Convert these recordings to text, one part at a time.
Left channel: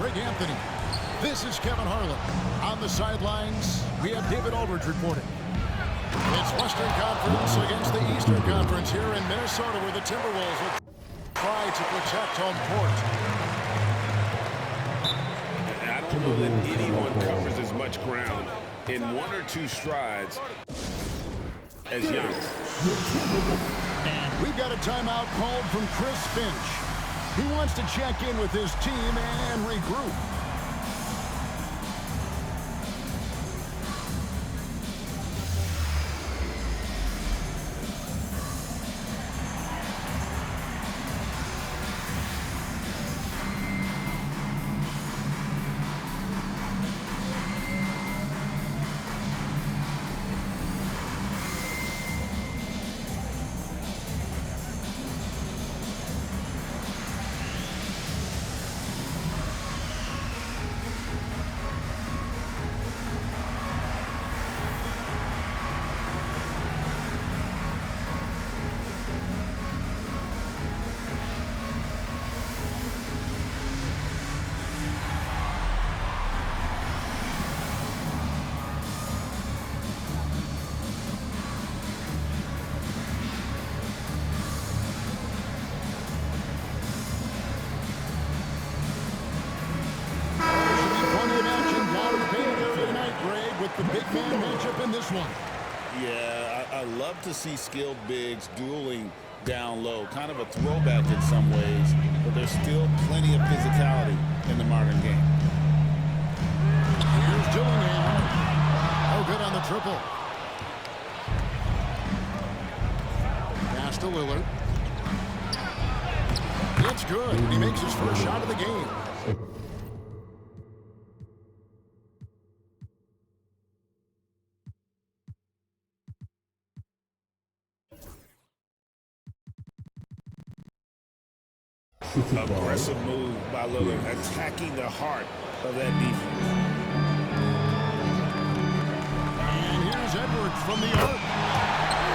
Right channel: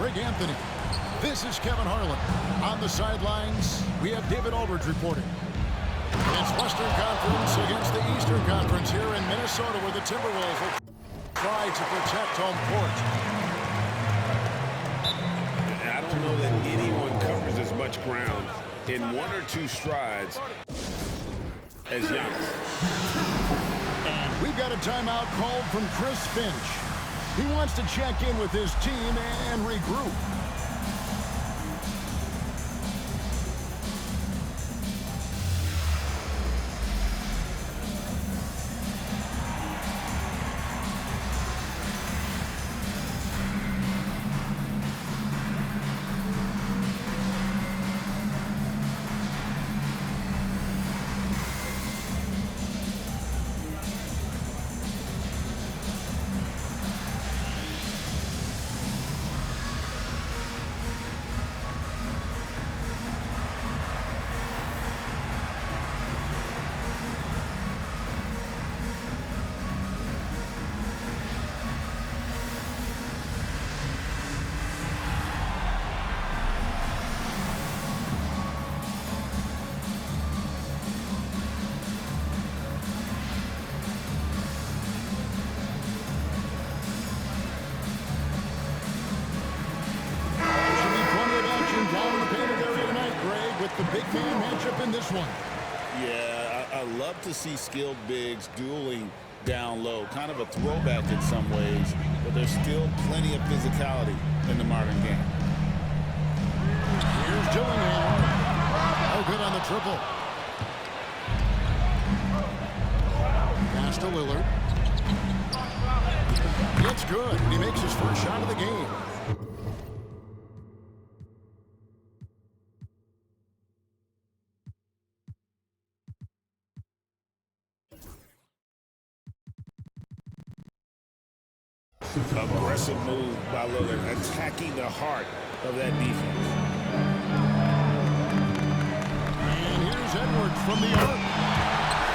Greg Anthony. This is Kevin Harlan. On the sidelines, we have David Aldridge reporting. It's Western Conference against the Eastern Conference here in Minnesota, where the Timberwolves will try to protect home court. I don't know that anyone covers as much ground in one or two strides as Giannis. And we've got a timeout called from Chris Finch. He wants to check in with his team and regroup. Down in the painted area tonight, Greg, with the big man matchup in this one. Yeah, I love to see skilled bigs dueling down low. Kind of a throwback in some ways, but there's still plenty of physicality in the modern game. Here's Dillingham. Oh, good on the triple. Pass to Lillard. It's good. He makes his first shot of the game. Aggressive move by Lillard, attacking the heart of that defense. And here's Edwards from the arc.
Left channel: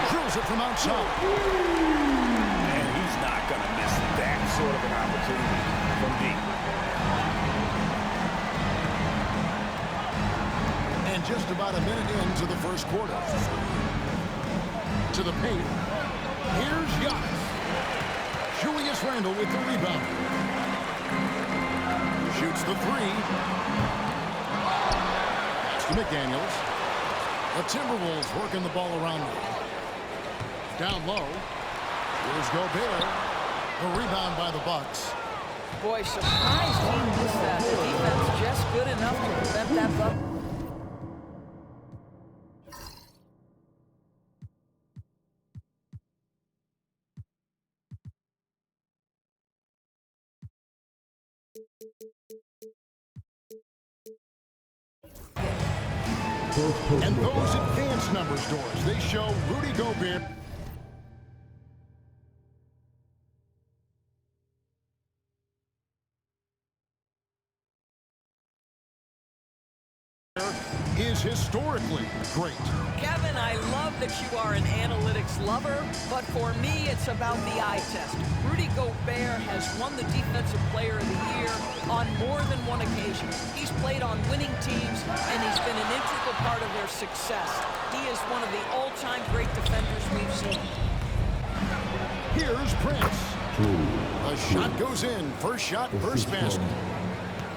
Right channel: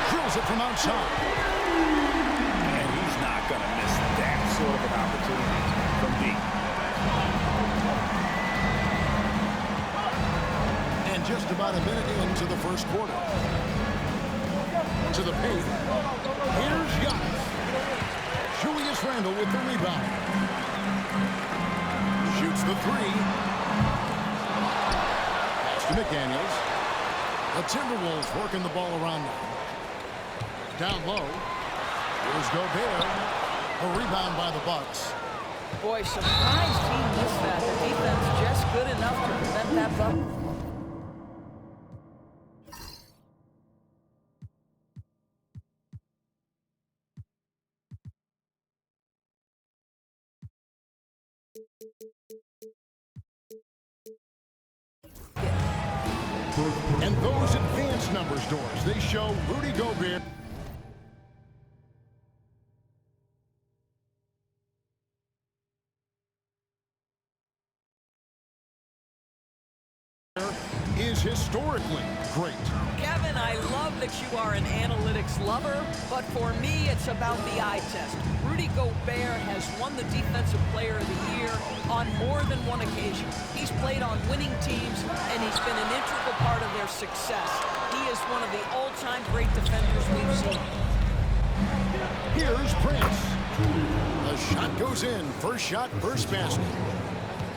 Drills it from outside. And he's not going to miss that sort of an opportunity from deep. And just about a minute into the first quarter. To the paint. Here's Giannis. Julius Randle with the rebound. Shoots the three. Pass to McDaniels. The Timberwolves working the ball around them. Down low. Here's Gobert. The rebound by the Bucks. Boy, surprised he missed that. The defense just good enough to prevent that buck. And those advanced numbers doors, they show Rudy Gobert is historically great. Kevin, I love that you are an analytics lover, but for me, it's about the eye test. Rudy Gobert has won the Defensive Player of the Year on more than one occasion. He's played on winning teams, and he's been an integral part of their success. He is one of the all-time great defenders we've seen. Here's Prince. The shot goes in. First shot, first basket.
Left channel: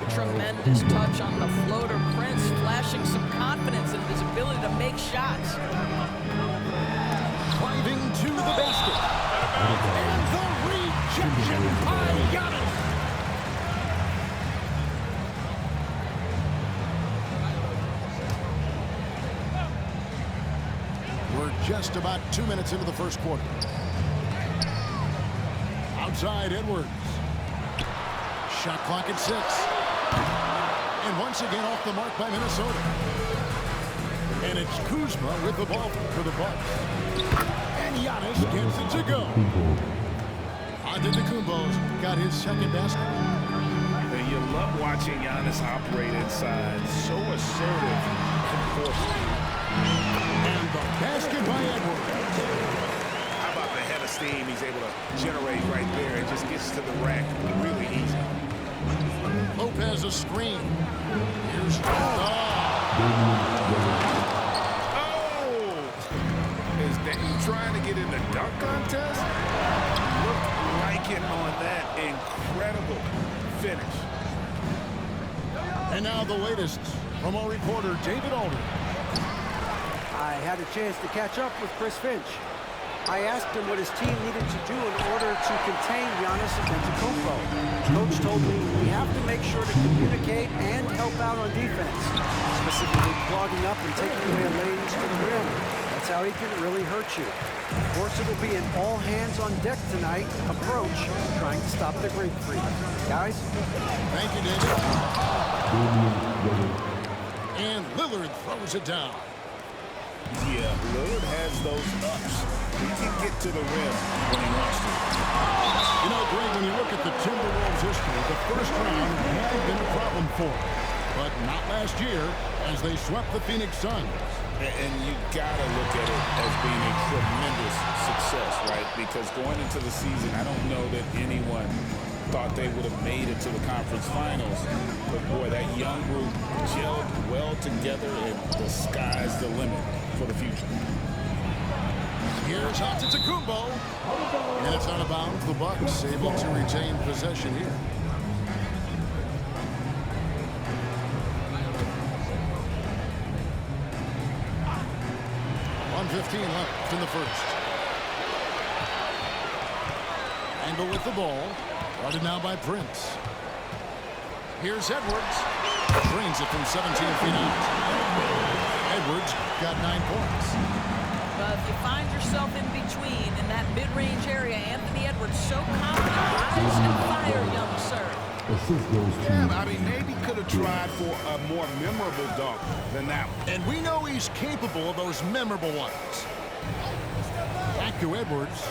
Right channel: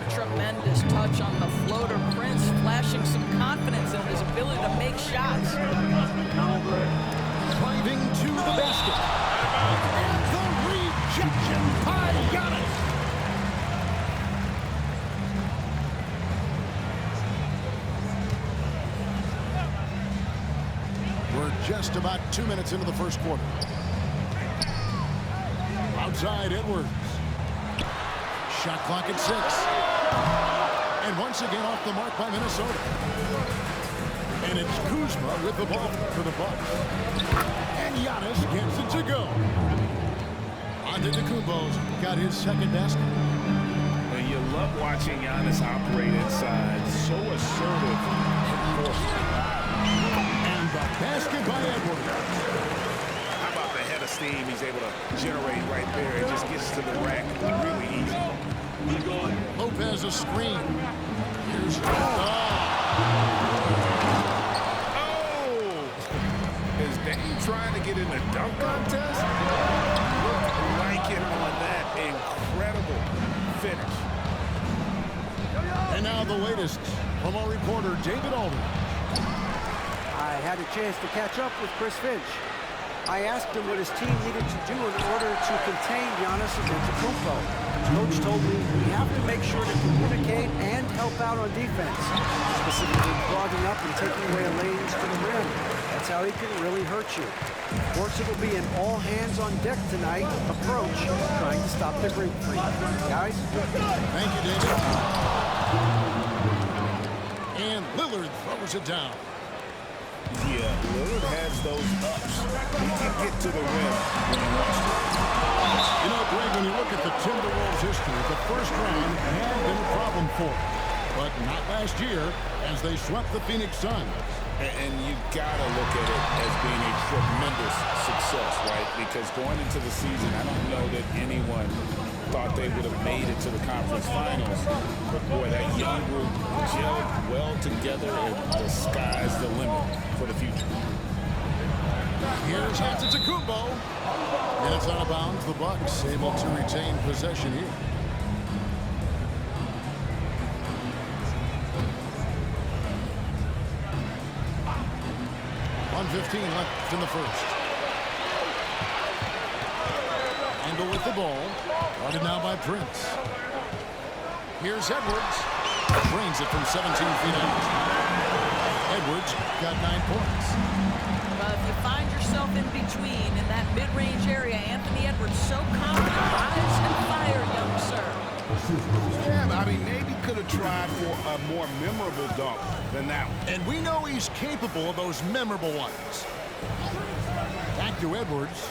Tremendous touch on the floater. Prince flashing some confidence in his ability to make shots. Driving to the basket. And the rejection by Giannis. We're just about 2 minutes into the first quarter. Outside Edwards. Shot clock at 6. And once again off the mark by Minnesota. And it's Kuzma with the ball for the Bucks. And Giannis gets it to go. Antetokounmpo's got his second basket. And you love watching Giannis operate inside. So assertive and forceful. And the basket by Edwards. How about the head of steam he's able to generate right there? It just gets to the rack really easy. Lopez a screen. Here's Is Dame trying to get in the dunk contest? Looked like it on that incredible finish. And now the latest from our reporter, David Aldridge. I had a chance to catch up with Chris Finch. I asked him what his team needed to do in order to contain Giannis Antetokounmpo. Coach told me we have to make sure to communicate and help out on defense, specifically clogging up and taking away lanes to the rim. That's how he can really hurt you. Of course, it'll be an all-hands-on-deck tonight approach, trying to stop the Greek Freak. Guys? Thank you, David. And Lillard throws it down. Yeah, Lillard has those ups. He can get to the rim when he wants to. You know, Greg, when you look at the Timberwolves' history, the first round had been a problem for them. But not last year, as they swept the Phoenix Suns. And you gotta look at it as being a tremendous success, right? Because going into the season, I don't know that anyone thought they would have made it to the conference finals. But boy, that young group gelled well together, and the sky's the limit for the future. Here's Antetokounmpo, and it's out of bounds. The Bucks able to retain possession here. .115 left in the first. Handle with the ball. Guarded now by Prince. Here's Edwards. Drains it from 17 feet out. Edwards got 9 points. But if you find yourself in between in that mid-range area, Anthony Edwards so confident. Rise and fire, young sir. Yeah, I mean, maybe could have tried for a more memorable dunk than that one. And we know he's capable of those memorable ones. Back to Edwards.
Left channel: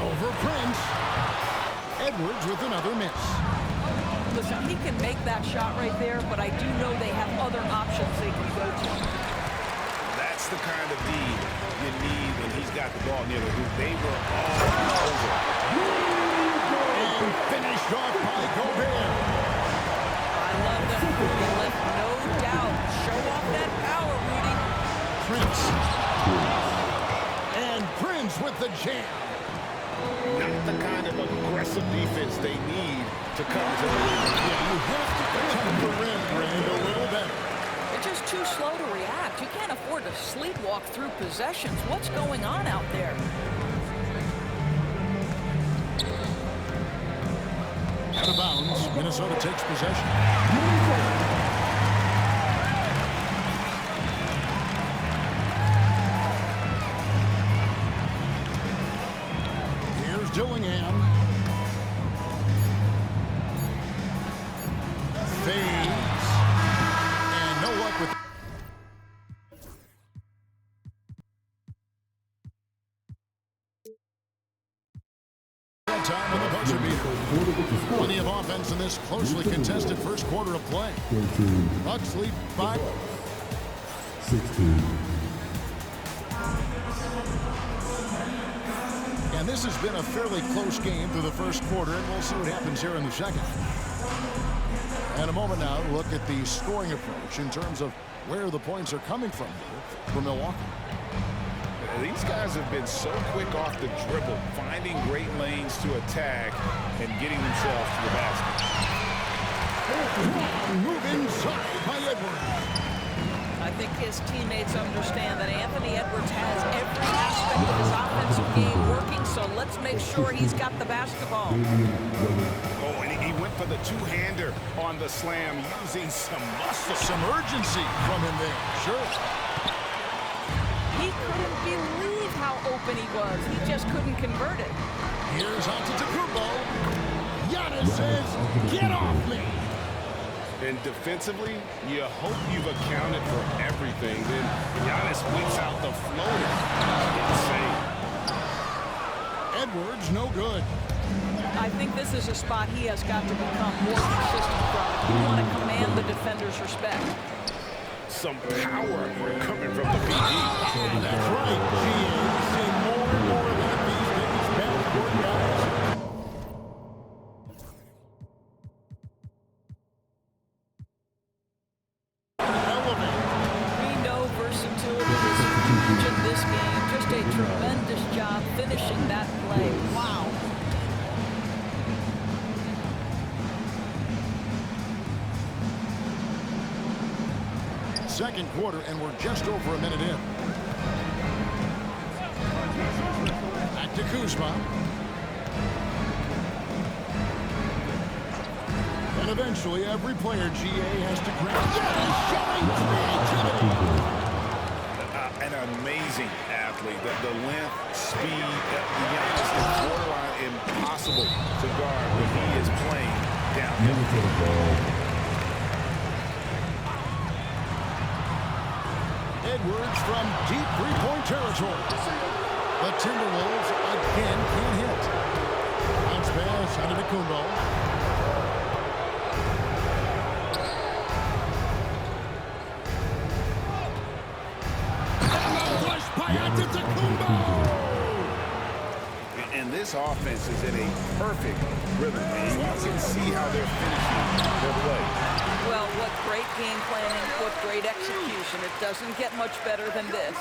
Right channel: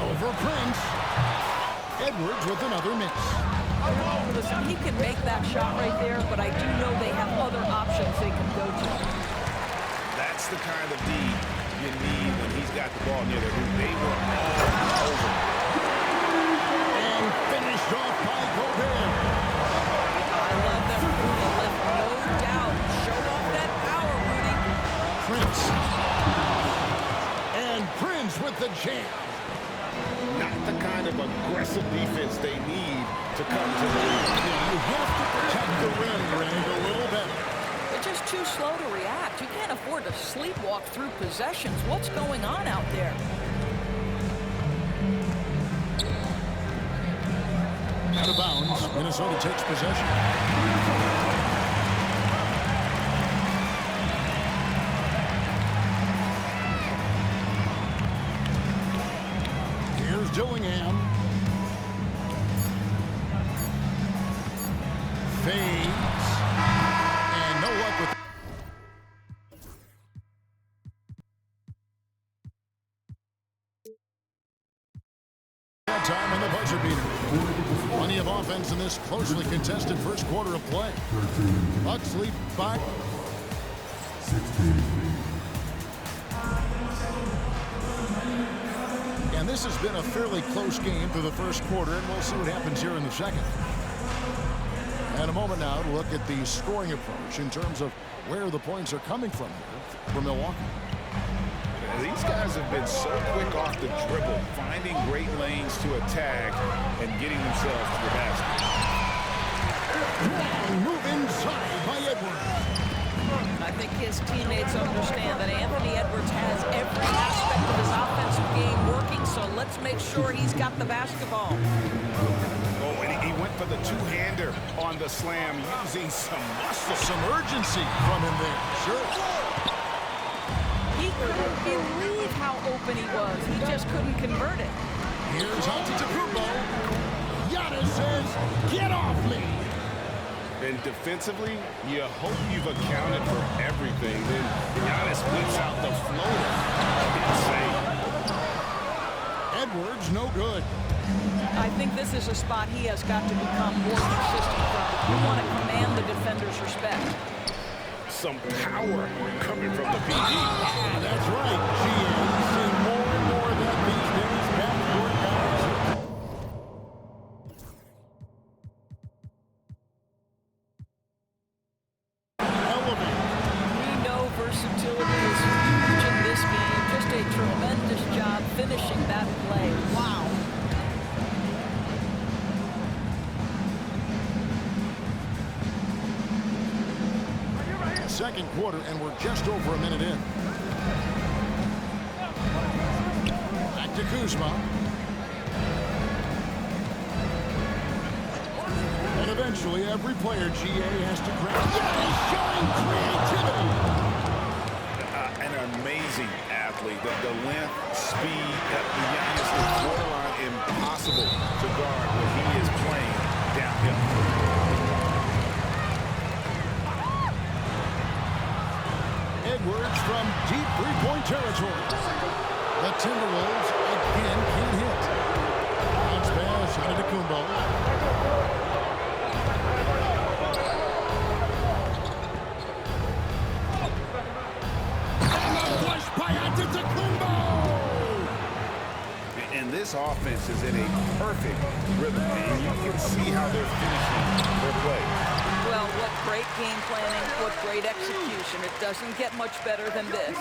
Over Prince. Edwards with another miss. Listen, he can make that shot right there, but I do know they have other options they can go to. That's the kind of D you need when he's got the ball near the hoop. They were all over. And finished off by Gobert. I love that Rudy left no doubt. Show off that power, Rudy. Prince. And Prince with the jam. Not the kind of aggressive defense they need to come to the league. Yeah, you have to protect the rim, Grant, a little better. They're just too slow to react. You can't afford to sleepwalk through possessions. What's going on out there? Out of bounds. Minnesota takes possession. Here's Dillingham. Fades. And no luck with that time in the buzzer beater. Plenty of offense in this closely contested first quarter of play. 13. Bucks lead by 16. And this has been a fairly close game through the first quarter, and we'll see what happens here in the second. And a moment now to look at the scoring approach in terms of where the points are coming from here for Milwaukee. These guys have been so quick off the dribble, finding great lanes to attack and getting themselves to the basket. Long move inside by Edwards. I think his teammates understand that Anthony Edwards has every aspect of his offensive game working, so let's make sure he's got the basketball. Oh, and he went for the two-hander on the slam, using some muscle. Some urgency from him there, sure. He couldn't believe how open he was. He just couldn't convert it. Here's Antetokounmpo. Giannis says, "Get off me." And defensively, you hope you've accounted for everything. Then Giannis whips out the floater. Insane. Edwards, no good. I think this is a spot he has got to become more consistent from if you want to command the defender's respect. Some power coming from the PG. Ah, that's right, GA. Seeing more and more of that these days. Backcourt guys. versatility is huge in this game. Just a tremendous job finishing that play. Wow. Second quarter, and we're just over a minute in. Back to Kuzma. And eventually, every player, GA, has to grab. Yes, showing creativity. An amazing athlete. The length, speed, Giannis is borderline impossible to guard when he is playing downhill. Edwards from deep three-point territory. The Timberwolves again can't hit. Bounce pass out of Kumbo. Push by Antetokounmpo. And this offense is in a perfect rhythm, and you can see how they're finishing their play. Well, what great game planning, what great execution. It doesn't get much better than this.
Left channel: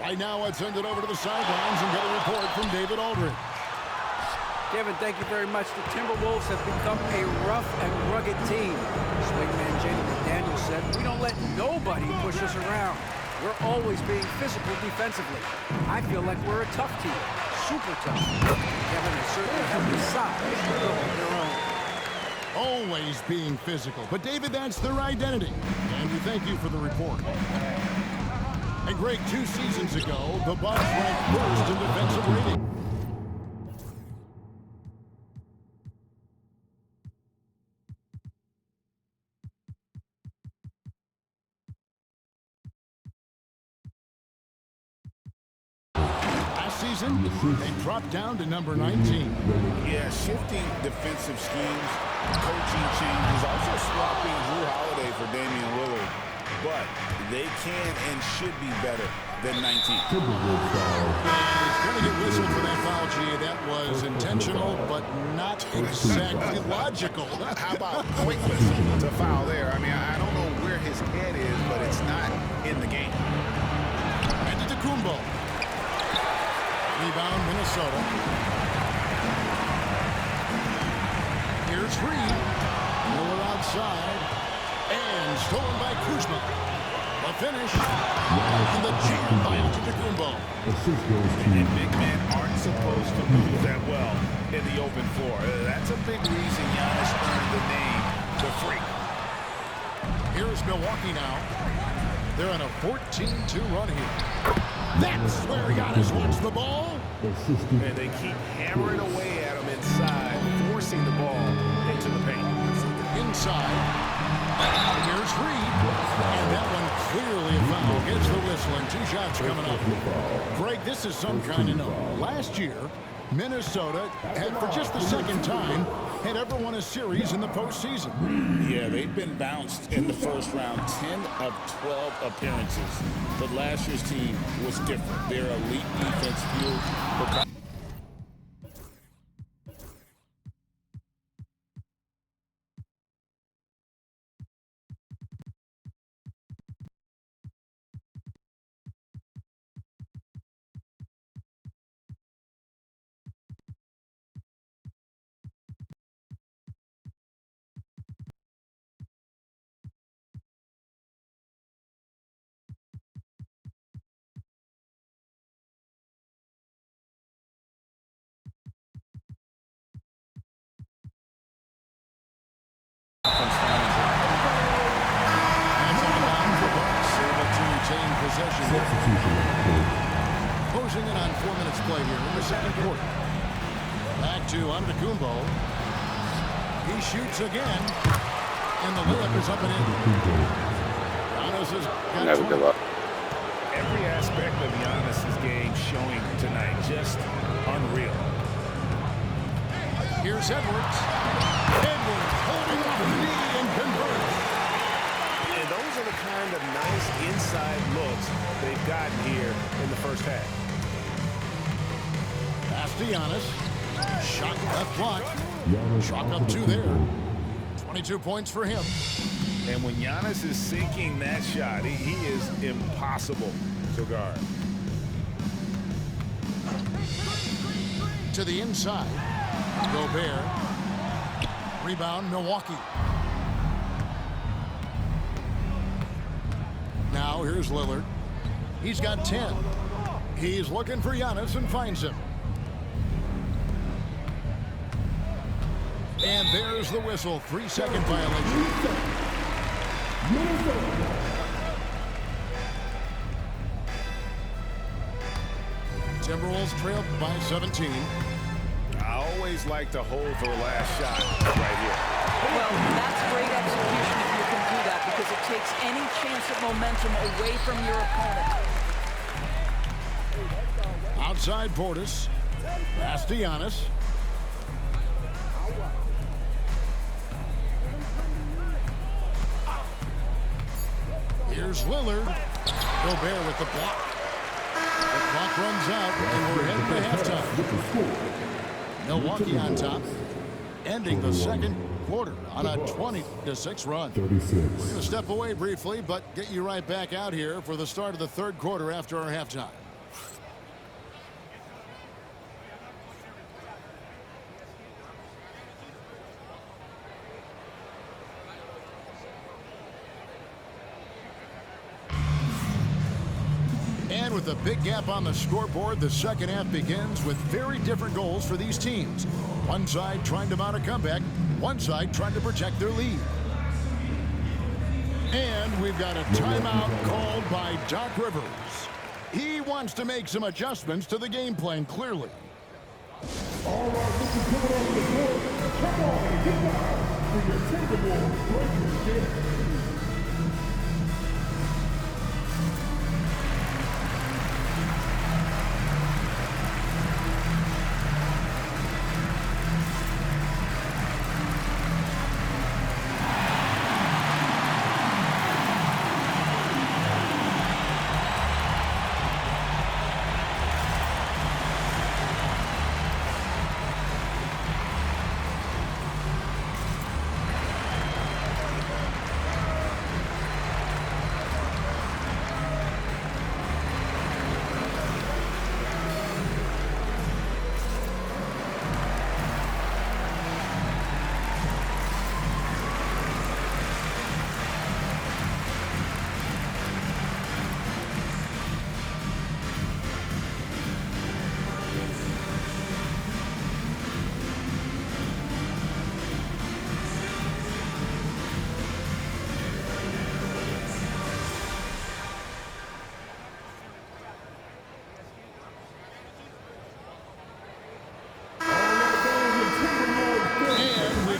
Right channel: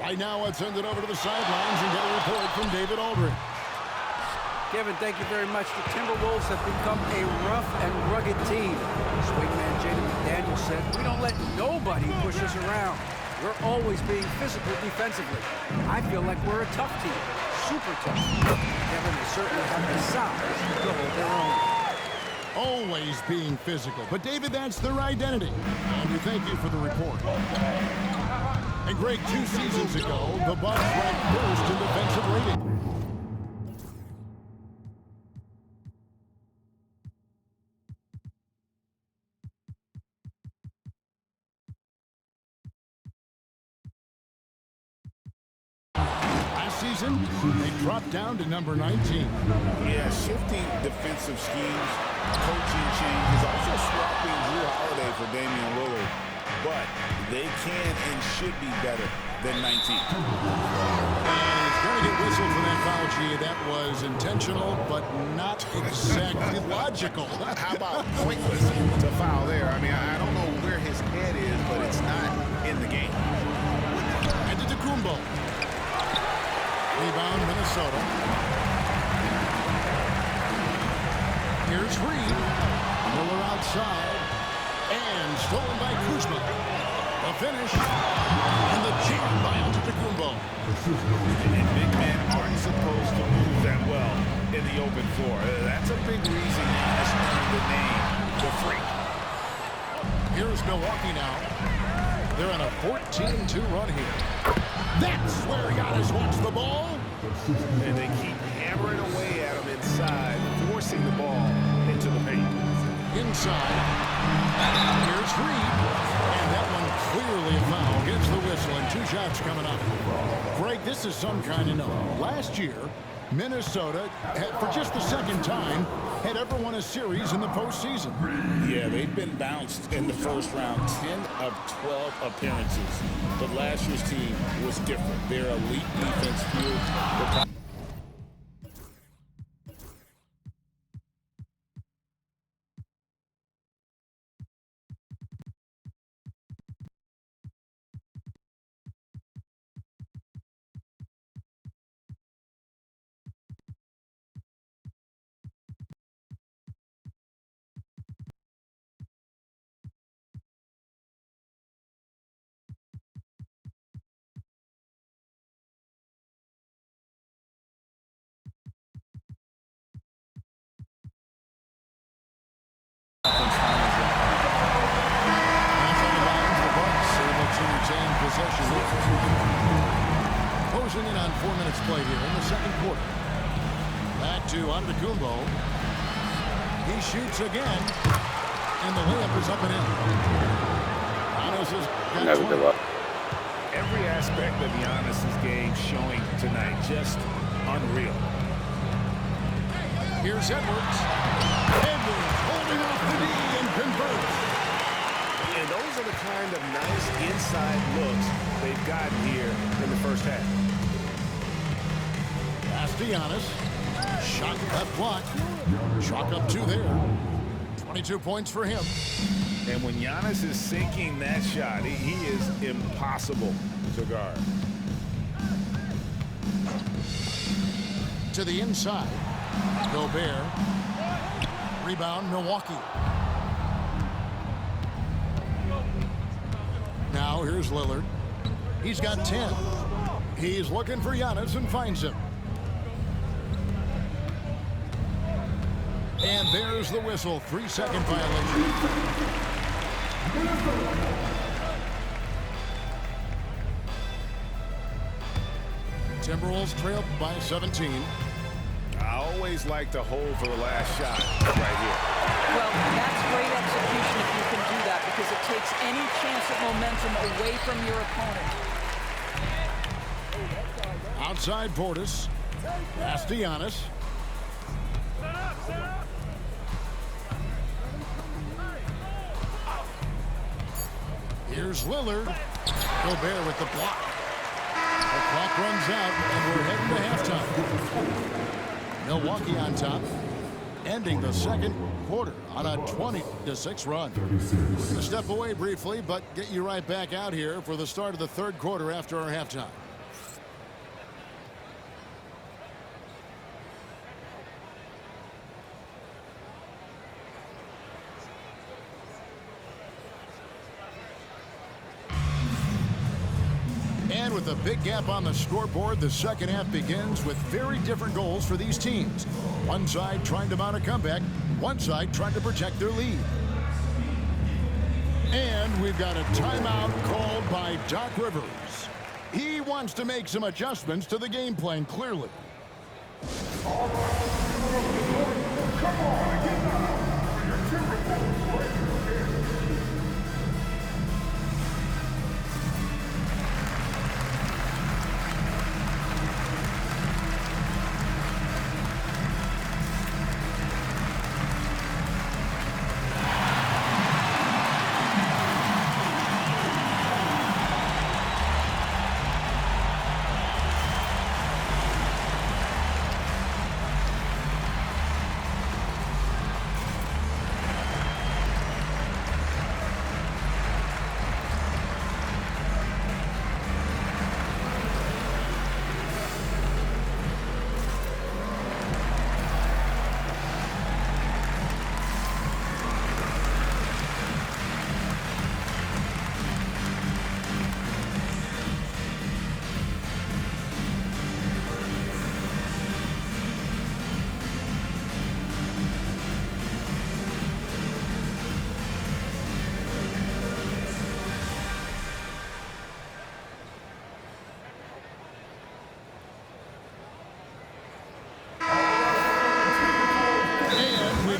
Right now, let's send it over to the sidelines and get a report from David Aldridge. Kevin, thank you very much. The Timberwolves have become a rough and rugged team. Swingman Jaden McDaniels said, "We don't let nobody push us around. We're always being physical defensively. I feel like we're a tough team, super tough." Kevin, they certainly have the size to hold their own. Always being physical. But, David, that's their identity. And we thank you for the report. And, Greg, 2 seasons ago, the Bucks ranked first in defensive rating. Last season, they dropped down to number 19. Yeah, shifting defensive schemes, coaching changes, also swapping Drew Holiday for Damian Lillard. But they can and should be better than 19. And he's going to get whistled for that foul, G. That was intentional, but not exactly logical. How about pointless to foul there? I mean, I don't know where his head is, but it's not in the game. Antetokounmpo. Rebound, Minnesota. Here's Reed. Miller outside. And stolen by Kuzma. The finish. And the jam by Antetokounmpo. And big men aren't supposed to move that well in the open floor. That's a big reason Giannis earned the name the Freak. Here's Milwaukee now. They're on a 14-2 run here. That's where Giannis wants the ball. And they keep hammering away at him inside, forcing the ball into the paint. Inside. Here's Reed. And that one clearly a foul. Gets the whistle and 2 shots coming up. Greg, this is some kind of note. Last year, Minnesota had, for just the second time, had ever won a series in the postseason. Yeah, they've been bounced in the first round, 10 of 12 appearances. But last year's team was different. Their elite defense fueled the conference finals run. That's on the bounds. The Bucks able to retain possession. Closing in on 4 minutes played here in the second quarter. Back to Antetokounmpo. He shoots again. And the layup is up and in. Giannis has got 20. Every aspect of Giannis's game showing tonight, just unreal. Here's Edwards. Edwards holding off the knee and converts. And those are the kind of nice inside looks they've gotten here in the first half. Pass to Giannis. Shot left block. Chalk up 2 there. 22 points for him. And when Giannis is sinking that shot, he is impossible to guard. To the inside. Gobert. Rebound, Milwaukee. Now here's Lillard. He's got 10. He's looking for Giannis and finds him. And there's the whistle. 3-second violation. Timberwolves trailed by 17. I always like to hold for the last shot right here. Well, that's great execution if you can do that, because it takes any chance of momentum away from your opponent. Outside Portis. Pass to Giannis. Here's Lillard. Gobert with the block. The clock runs out, and we're heading to halftime. Milwaukee on top, ending the second quarter on a 20-6 run. 36. We're going to step away briefly, but get you right back out here for the start of the third quarter after our halftime. And with a big gap on the scoreboard, the second half begins with very different goals for these teams. One side trying to mount a comeback, one side trying to protect their lead. And we've got a timeout called by Doc Rivers. He wants to make some adjustments to the game plan, clearly. All right, this is coming off the court. Come on and get down for your Timberwolves Lakers game.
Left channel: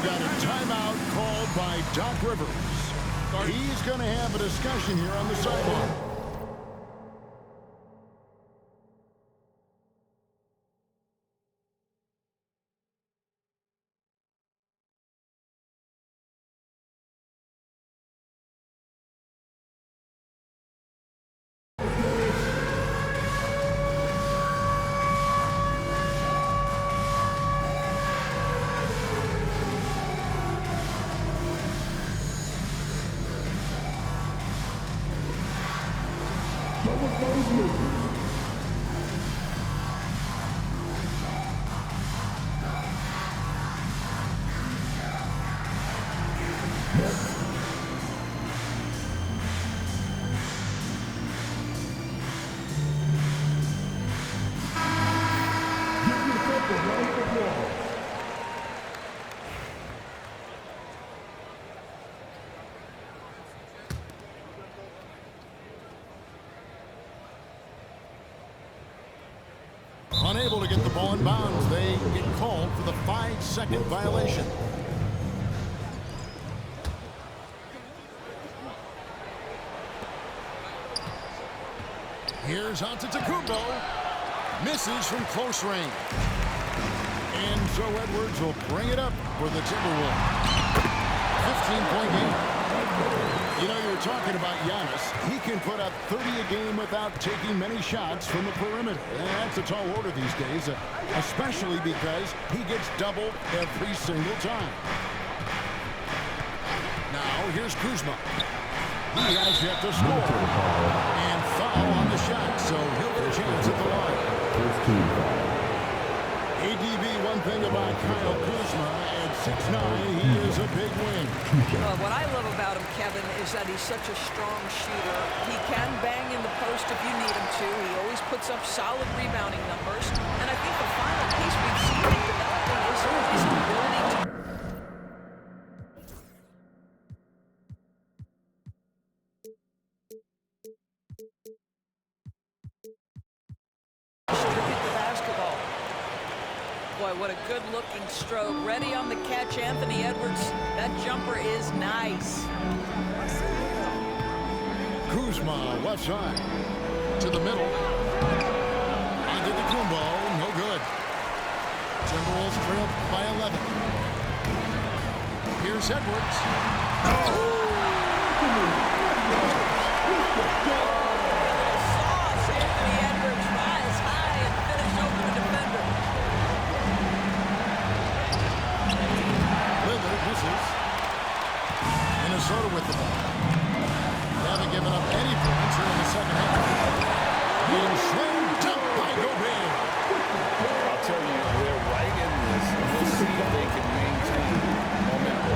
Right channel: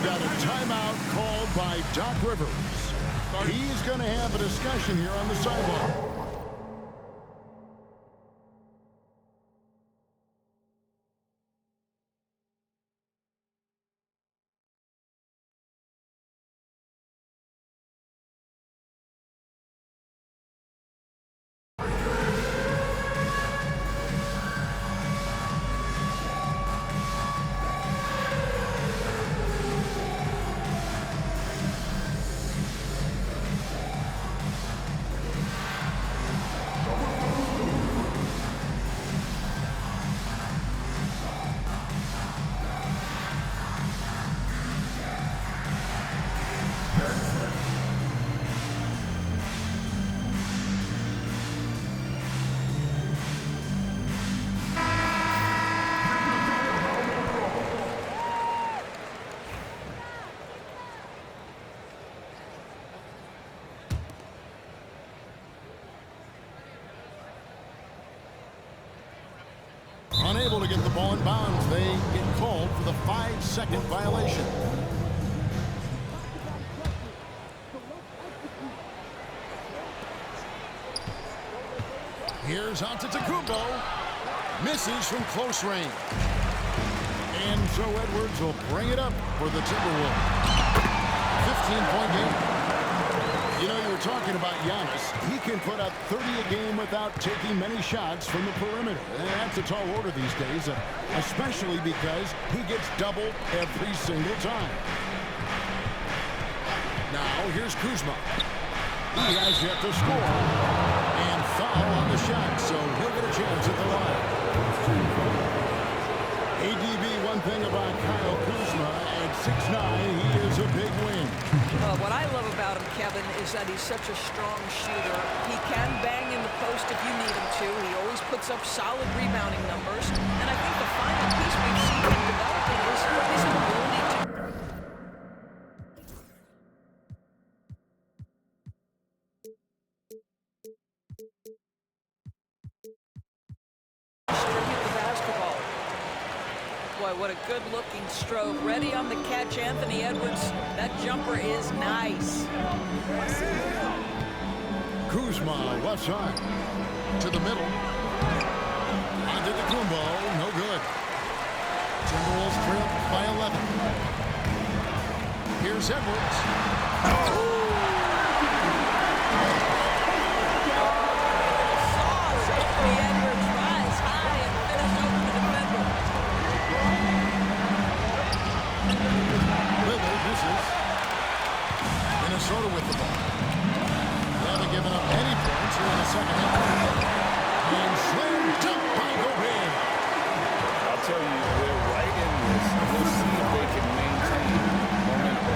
Got a timeout called by Doc Rivers. He's going to have a discussion here on the sideline. Unable to get the ball in bounds, they get called for the 5-second violation. Here's Antetokounmpo. Misses from close range. And so Edwards will bring it up for the Timberwolves. 15-point game. You know, you were talking about Giannis. He can put up 30 a game without taking many shots from the perimeter. And that's a tall order these days, especially because he gets doubled every single time. Now here's Kuzma. He has yet to score. And foul on the shot, so he'll get a chance at the line. ADB, one thing about Kyle Kuzma, at 6'9", he is a big wing. What I love about him, Kevin, is that he's such a strong shooter. He can bang in the post if you need him to. He always puts up solid rebounding numbers. And I think the final piece we've seen him developing is his ability to distribute the basketball. Boy, what a good-looking stroke. Ready on the catch, Anthony Edwards. That jumper is nice. Kuzma, left side. To the middle. Antetokounmpo, no good. Timberwolves trail by 11. Here's Edwards. Anthony Edwards rise high and finish over the defender. Lillard misses. Minnesota with the ball. They haven't given up any points here in the second half. And slam dunk by Gobert. I'll tell you, they're right in this. We'll see if they can maintain momentum.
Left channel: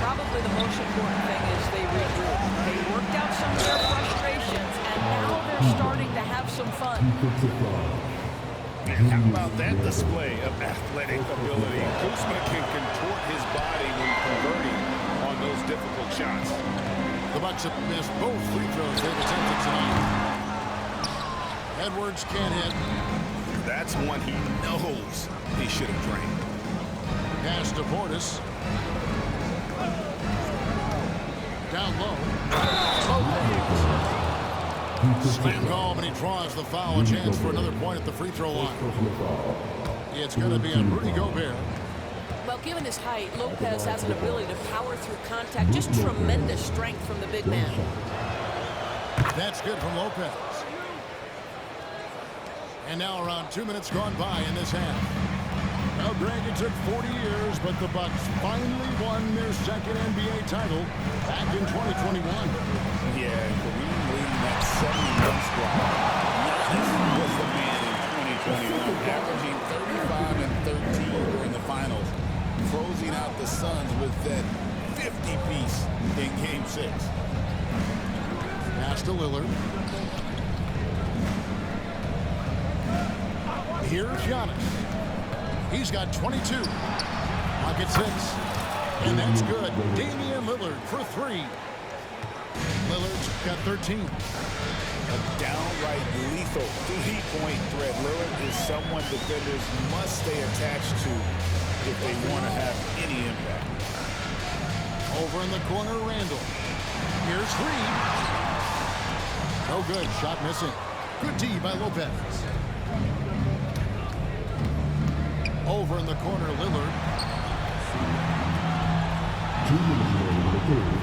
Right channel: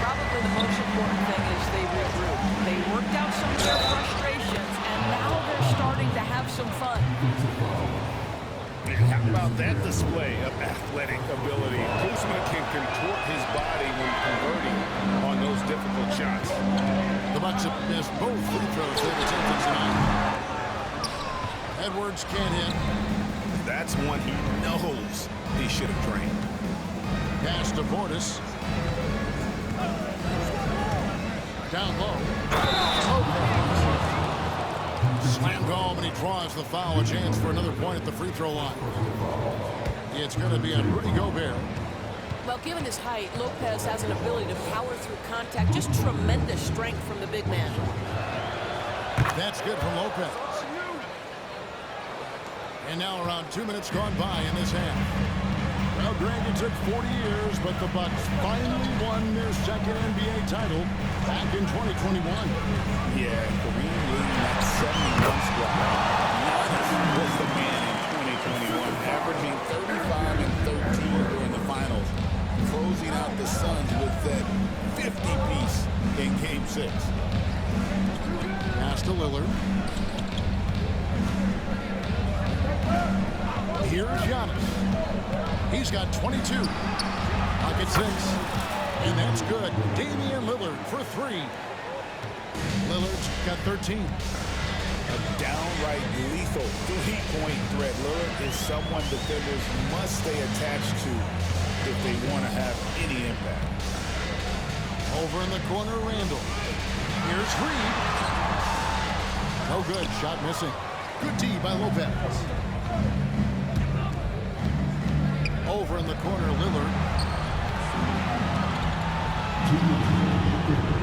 Probably the most important thing is they regroup. They worked out some of their frustrations, and now they're starting to have some fun. How about that display of athletic ability? Kuzma can contort his body when converting on those difficult shots. The Bucks have missed both free throws they've attempted tonight. Edwards can't hit. That's one he knows he should have drained. Pass to Portis. Down low. Lopez. Slam home, and he draws the foul. A chance for another point at the free throw line. It's going to be on Rudy Gobert. Well, given his height, Lopez has an ability to power through contact. Just tremendous strength from the big man. That's good from Lopez. And now around 2 minutes gone by in this half. Well, Greg, it took 40 years, but the Bucks finally won their second NBA title back in 2021. Yeah, Kareem leading that 71 squad. Giannis was the man in 2021, averaging 35 and 13 during the finals, closing out the Suns with that 50-piece in Game 6. Pass to Lillard. Here's Giannis. He's got 22. Pocket 6. And that's good. Damian Lillard for 3. Lillard's got 13. A downright lethal three-point threat. Lillard is someone defenders must stay attached to if they want to have any impact. Over in the corner, Randall. Here's Reed. No good. Shot missing. Good D by Lopez. Over in the corner, Lillard.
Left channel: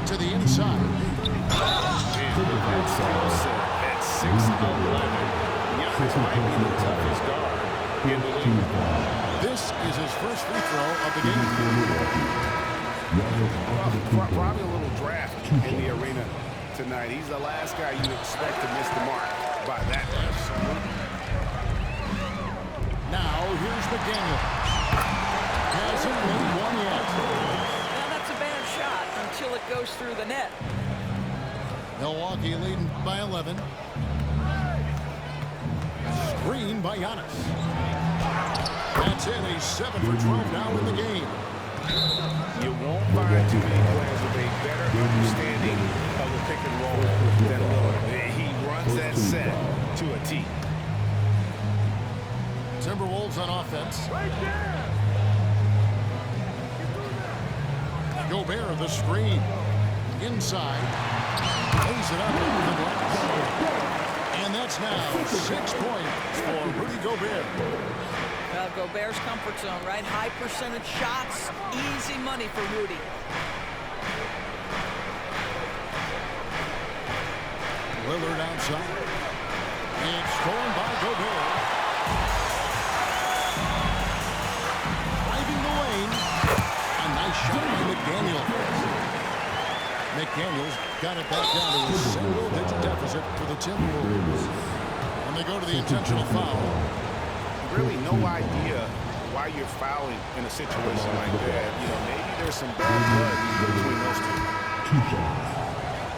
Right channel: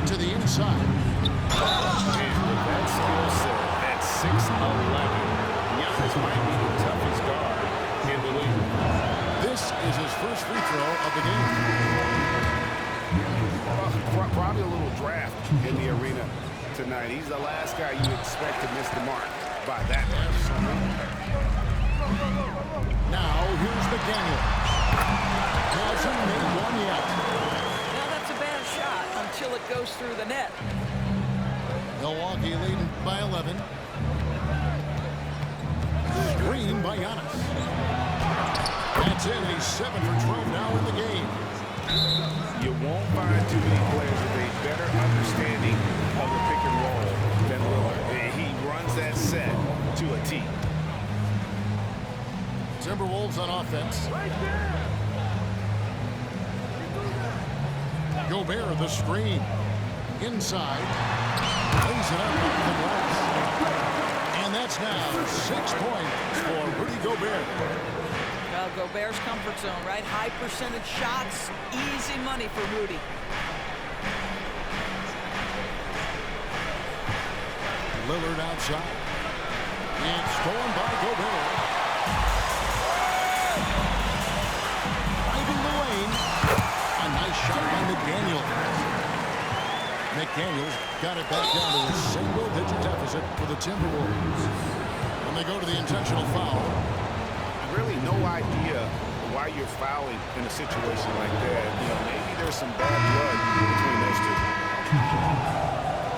To the inside. And with that skill set at 6'11", Giannis might be the toughest guard in the league. This is his first free throw of the game. Well, probably a little draft in the arena tonight. He's the last guy you expect to miss the mark by that much. Now, here's McDaniel. Hasn't made one yet. Now that's a bad shot until it goes through the net. Milwaukee leading by 11. Screen by Giannis. That's it. He's 7 for 12 now in the game. You won't find too many players with a better understanding of the pick and roll than Lillard. He runs that set to a T. Timberwolves on offense. Right there. Gobert the screen. Inside. Lays it up off the glass. And that's now 6 points for Rudy Gobert. Gobert's comfort zone, right? High percentage shots. Easy money for Rudy. Lillard outside. It's stolen by Gobert. Driving the lane. A nice shot by McDaniel. McDaniels got it back down to a single-digit deficit for the Timberwolves. When they go to the intentional foul. Really no idea why you're fouling in a situation like that. You know, maybe there's some bad blood between those two.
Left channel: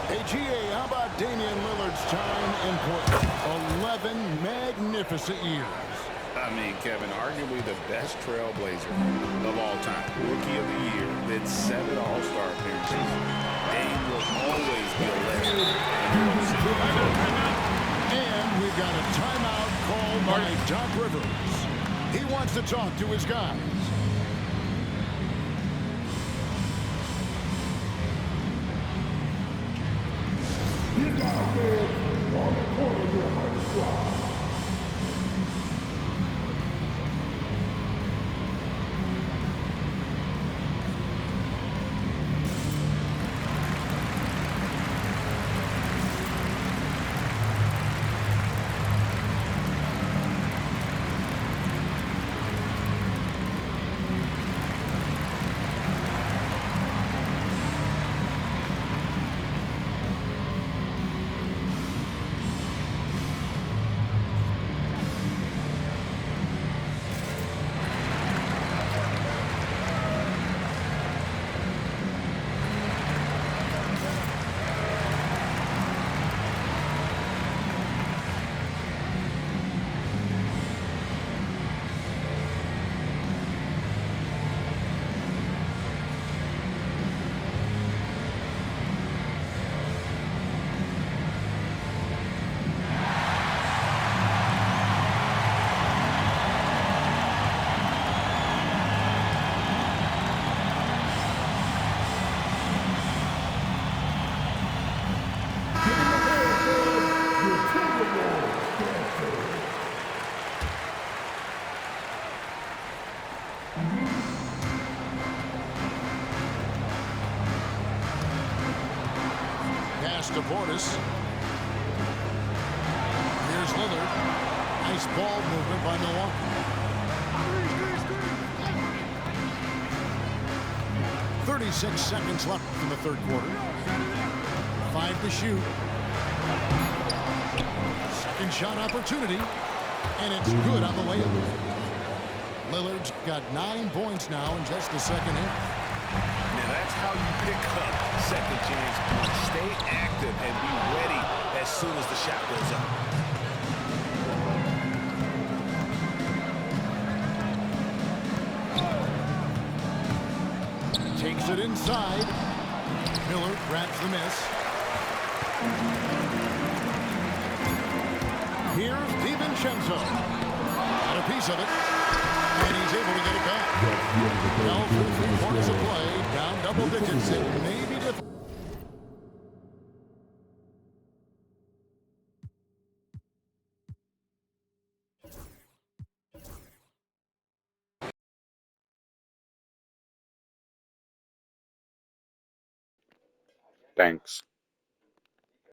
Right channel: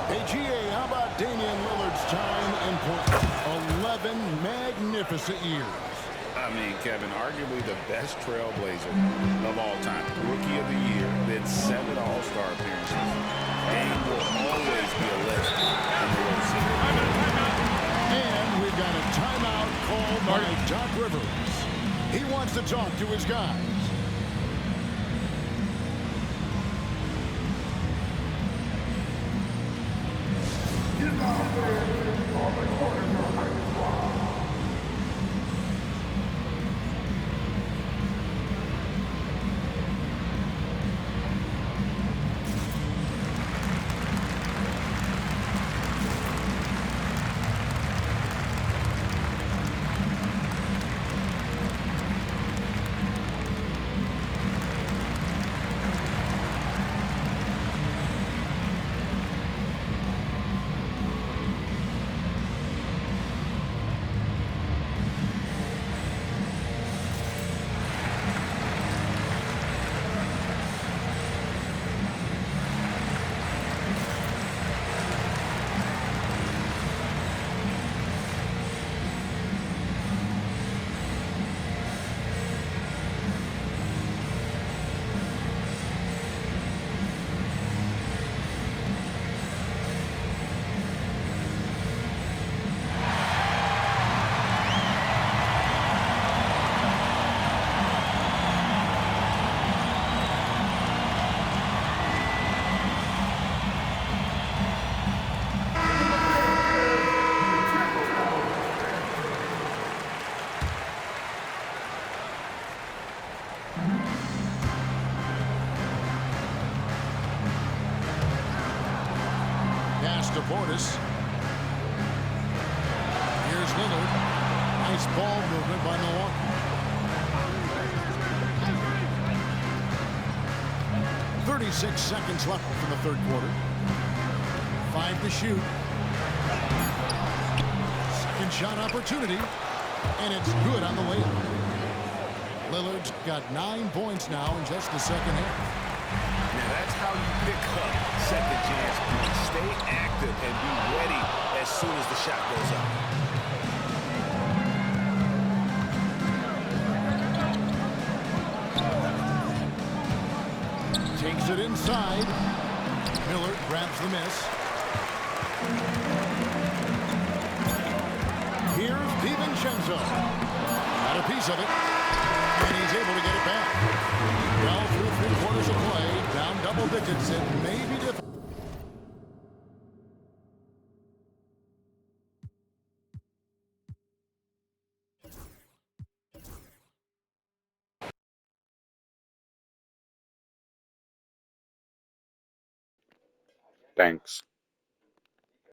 Hey, GA, how about Damian Lillard's time in Portland? 11 magnificent years. I mean, Kevin, arguably the best trailblazer of all time. Rookie of the year, then 7 All-Star appearances. Dame will always be a legend in the Rose City. And we've got a timeout called by Doc Rivers. He wants to talk to his guys. His offense on the corner of your practice squad. Pass to Portis. Here's Lillard. Nice ball movement by Milwaukee. .36 seconds left in the third quarter. 5 to shoot. Second shot opportunity. And it's good on the layup. Lillard's got 9 points now in just the second half. Now that's how you pick up second chance points. Stay active and be ready as soon as the shot goes up. Takes it inside. Miller grabs the miss. Here's DiVincenzo. Got a piece of it. And he's able to get it back. Well, through 3 quarters of play, down double digits, it may be difficult. Thanks.